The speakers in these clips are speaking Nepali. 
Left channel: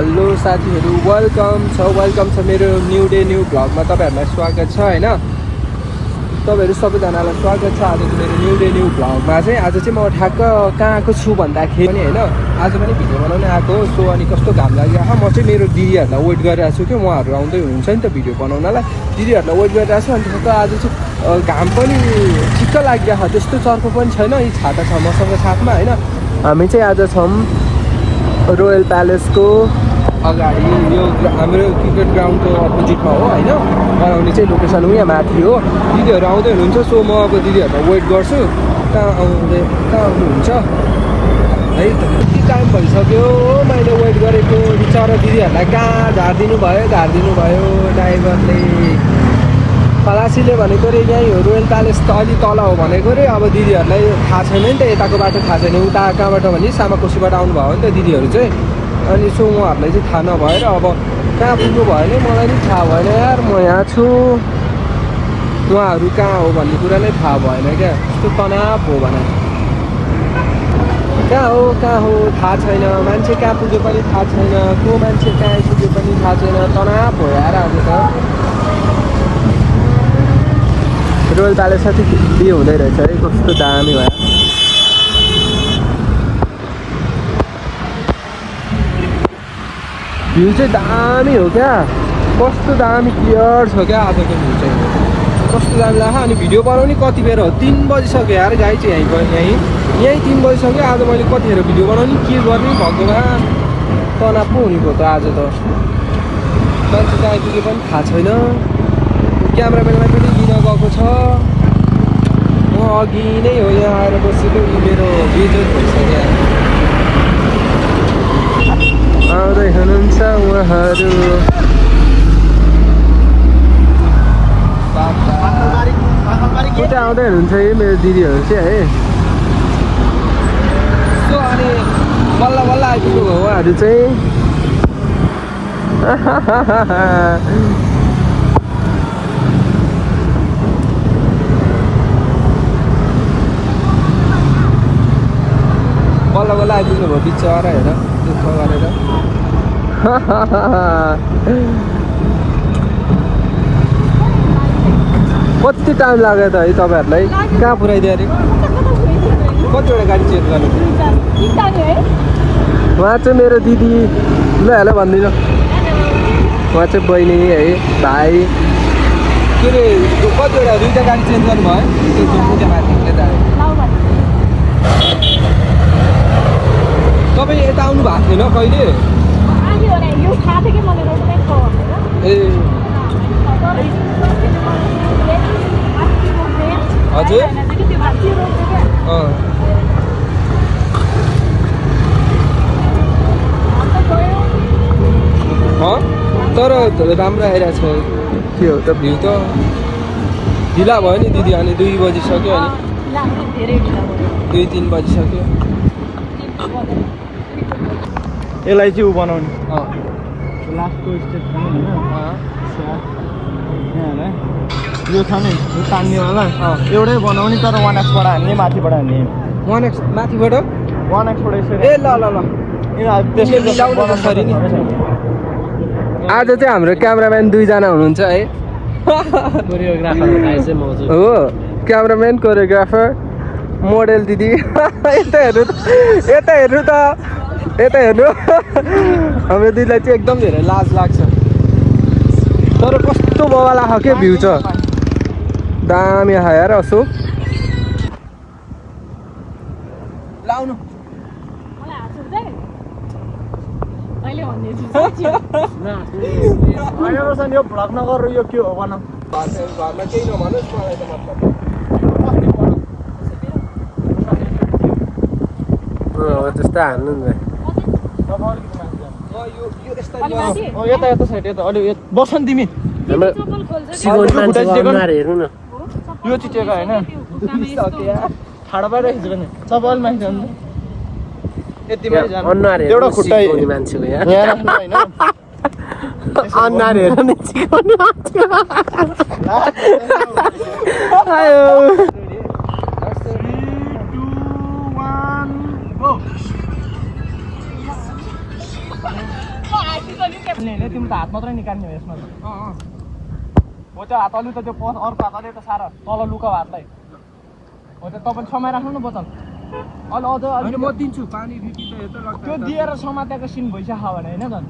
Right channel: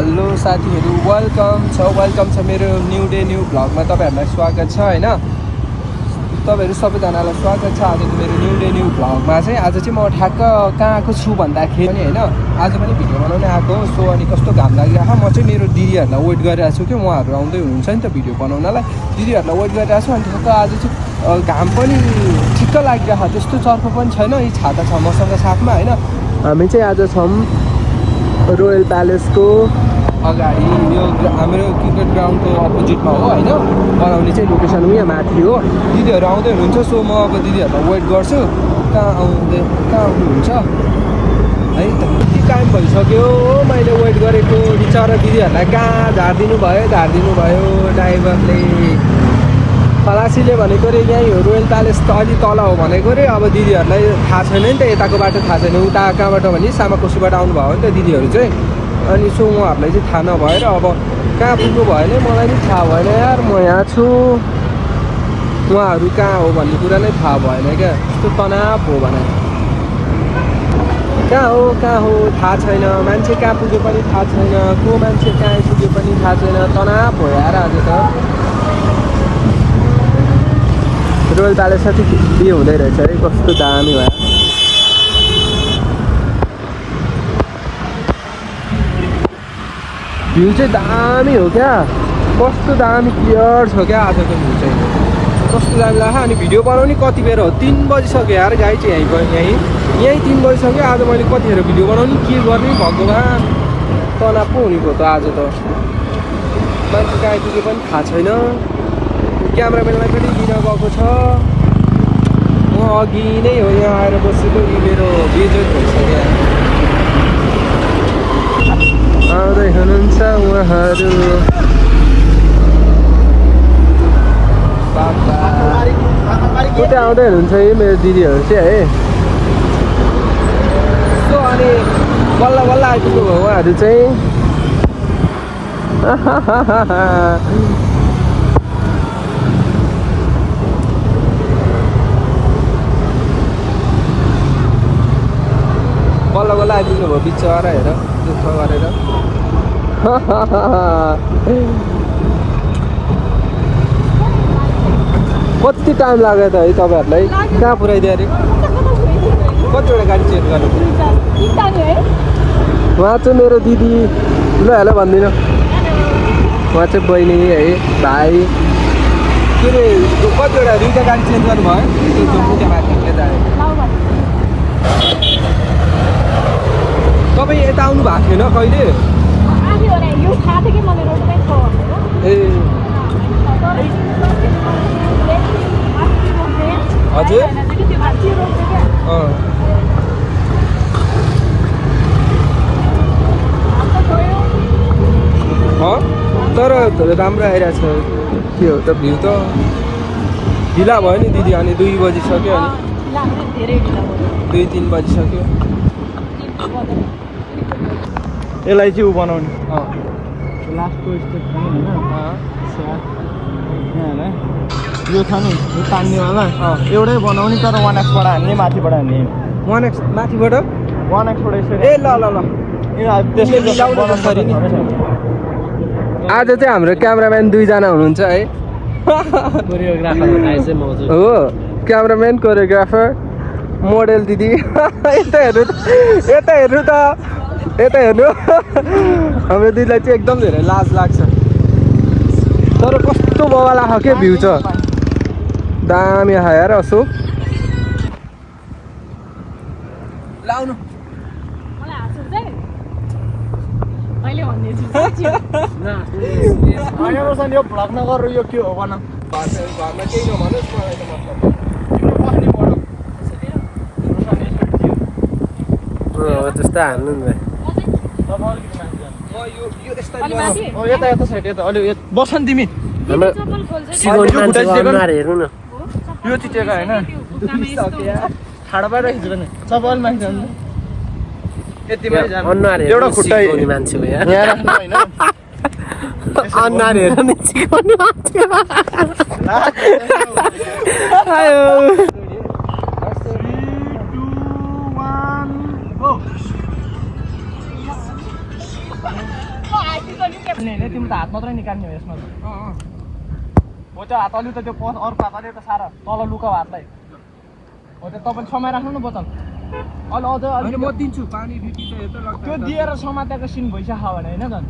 हेलो साथीहरू वेलकम छ मेरो न्यू डे न्यू भ्लगमा तपाईहरुलाई स्वागत छ हैन तपाईहरु सबैजनालाई स्वागत छ आजको मेरो न्यू डे न्यू भ्लगमा चाहिँ आज चाहिँ म ठ्याक्क कहाँ आएको छु भन्दाखेरि हैन आज पनि भिडियो बनाउन आएको सो अनि कस्तो घाम लागिरहेको म चाहिँ मेरो दिदीहरुलाई वेट गरिरहेको छु के उहाँहरु आउँदै हुनुहुन्छ नि त भिडियो बनाउनलाई दिदीहरुलाई वेट गरिरहेको छु अनि ठ्याक्क आज चाहिँ घाम पनि चिक्क लागिरहेको त्यस्तो चर्को पनि छैन यी छाता छ मसँग साथमा हैन हामी चाहिँ आज छौं रोयल प्यालेसको अगाडि यो हाम्रो क्रिकेट ग्राउन्डको अपोजिटमा हो हैन बनाउने चाहिँ लोकेसन हो यहाँ माथि हो दिदीहरु आउँदै हुनुहुन्छ सो म अब दिदीहरुलाई वेट गर्छु कहाँ आउनुहुन्छ है कति टाइम भइसक्यो मैले वेट गरेको बिचारा दिदीहरुलाई कहाँ झार्दिनु भयो ड्राइभरले खलासीले भनेको रे यही हो रोयल प्यालेस त अलि तल हो भनेको रे अब दिदीहरुलाई थाहा छैन नि त यताको बाटो थाहा छैन उता कहाँबाट भने सामाकोसीबाट आउनु भयो नि त दिदीहरु चाहिँ अनि सो उहाँहरूलाई चाहिँ थाहा नभएर अब कहाँ पुग्नु भयो भने मलाई नि थाहा भएन यार म यहाँ छु उहाँहरू कहाँ हो भन्ने कुरा नै थाहा भएन क्या त्यस्तो तनाव हो भने कहाँ हो थाहा छैन मान्छे कहाँ पुग्यो पनि थाहा छैन को मान्छे कहाँ आइपुग्यो पनि थाहा छैन तनाव हो यार आज त रोयल प्यालेस चाहिँ के हुँदै रहेछ है कस्तो दामी भयो भ्यू चाहिँ दामी हो क्या कस्तो दामी क्लियर छ क्या आजको भ्यू चाहिँ कस्तो दामी लाग्छ अनि भिडियो बनाउने कति बेर हो 3 बजिसक्यो यार गाई चाहिँ यहीँ 3 बजिसक्यो आज मैले कतिखेर भिडियो बनाउने के गर्ने भगवान् तनाव पो हुने भयो त आज त मान्छे कहाँ आइपुग्यो पनि थाहा छैन क्यामेराम्यानलाई पनि दिन गएको छ म अघि नै हो यहाँ आएर बसेको मेरो बिजनेस भइसक्यो आउँदै हुनुहुन्छ उहाँहरू उता आउँदै हुनुहुन्छ है मेरो दिदीहरू चाहिँ है अनि बल्ल आइपुग्नु भयो उहाँहरू चाहिँ बल्ल आइपुग्नु भयो बिचरा हेर दुःख गरेर कति टाइम लाग्यो त है तपाईहरुलाई कहाँ पुऱ्याइदियो अरे कतिवटा गाडी चेक गर्नु उहाँ चाहिँ मेरो दिदी ल हेलो भनिदिनु उहाँ चाहिँ बहिनी है भाइ के अरे कतिवटा 2टा गाडी चेक गर्नुभयो तपाईँ यता आउनु भएको थिएन कहिले ए हजुर तर राम्रो आइरहेछ के हो त भ्यू त ढिला भयो नि दिदी अनि 2 बजिसक्यो अनि 2-3 बजिसक्यो यसलाई चाहिँ उ बनाउनु लास्टको स्टेप छ नि यो छ नि यो तान्नेवाला एउटै बनाउने तर 1x हाल्ने माथिबाट हुने 1x माथिबाट 1xबाट ए ल आज चाहिँ हाम्रो क्यामेराम्यान 2 जना हुनुहुन्छ है हो क्यामेराम्यान कोरियोग्राफर मोडेल दिदी यता हेर्नु हाम्रो दिदीलाई चाहिँ एकदम धेरै लाज लाग्छ तर कस्तो बवाला छ के भ्यू छ दामी छ यार अशोक लाउनु यो भ्लग नगर यो के हो भन घरमा केही नभनोस् मलाई त्यस्तो हाल्नु नि यता साइड यता अलि बस नि तिमी हेर्नु न यो चिटेको होइन ठाडोबाट खिच्नु नि चप्पल माथि जानु एउटा खुट्टा मान्छे हो यार अनुहार हेर नि चिकाउने मान्छे तिमी त हात मात्रै निकाल्ने हो यसमा हो त्यो हात अलि त त्यो अर्को हात अलि त साह्रो तल लुकाऊ हातलाई हो त्यो तपाईँ समय राख्नु न बोतल अलि अझ अनि म दिन्छु पानी फिटी त यता लाग्छ त्यो दिएर समातेको सिन भइसक्यो भने होइन झन्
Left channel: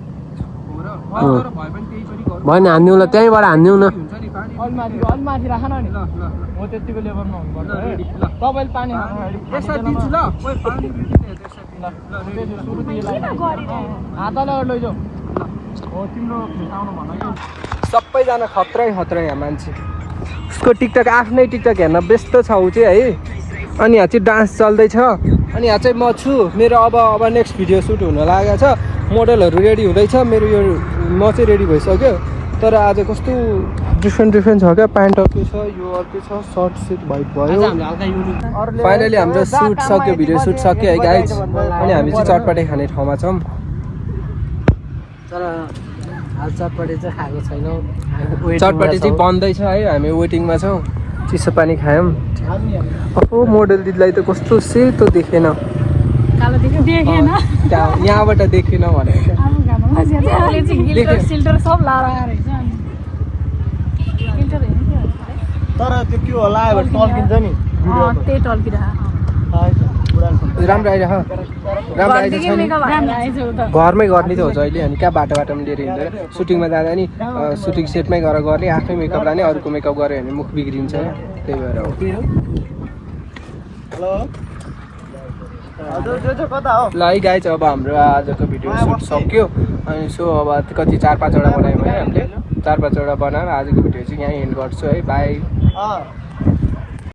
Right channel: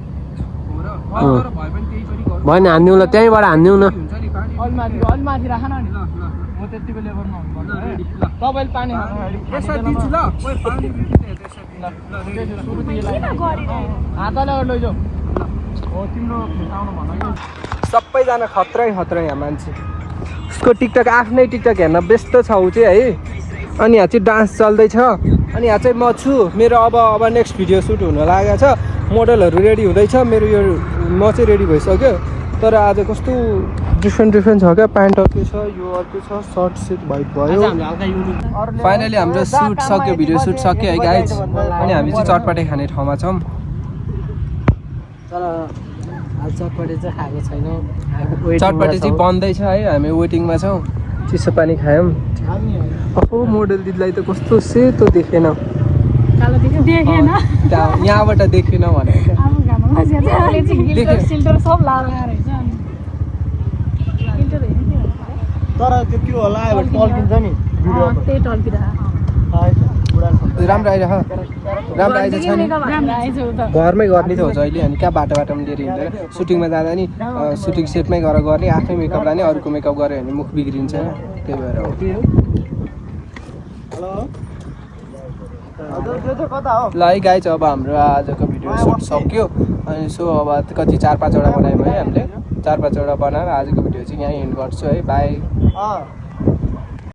भएन हान्दिउँला त्यहीँबाट हान्दिउँला अलि माथि राख न नि हो त्यतिको लेभलमा हुनुपर्छ है तपाईँले पानी हातले लैजाऊ हो तिम्रो आउनु भन्नु सबैजना खत्रै यहाँ मान्छे उसको टिकटक आफ्नै टिकटक हेर्न व्यस्त छ ऊ चाहिँ है अनि यहाँ चाहिँ डान्स चल्दैछ अनि यहाँ चाहिँ म छु मेरो अब नेक्स्ट भिडियो सुट हुन लागेको छ मोडलहरू रेडी हुँदैछ मेरो यो म चाहिँ रेडी भइसक्यो तर आज कस्तो डिफ्रेन्ट छ क्या प्यान्ट अर्कै छ यो अर्कै छ सर्ट सुट भयो फाइनली हाम्रो सुट सक्यो भिडियो सुट सक्यो है गाइज अनि हामी चाहिँ चटपटे खाने ठाउँमा छौँ तर हाल चटपटे चाहिँ खाएको छैन चटपटे चाहिँ बन्दैछ है हामी वेटिङमा छौँ चिसो पानी खायौँ अब मोडल दिदीलाई त कस्तो सेतो देखेन यहाँबाट देखेन भने तर त्यो होला टल्किन्छ नि राम्रो आइरह राम्रो आइरहेछ नि घरमै गर्ने त हुन्छ अहिले अनि कहाँ बाटोमा लिएर हिँड्दैन सुटिङमा जाँदा नि सुटिङ सेटमै गएर गर्ने आफै मेकअप लाने अरूको मेकअप गऱ्यो भने मुख बिग्रिन्छ त्यही भएर ल है गाइज अब हाम्रो आजको भिडियो सुट सक्यो अनि सो अब कति 4-5 वटा बनायौँ है हामीले 4-5 वटा बनाएर आजको भिडियो चाहिँ यहीँ एन्ड गर्छु है बाई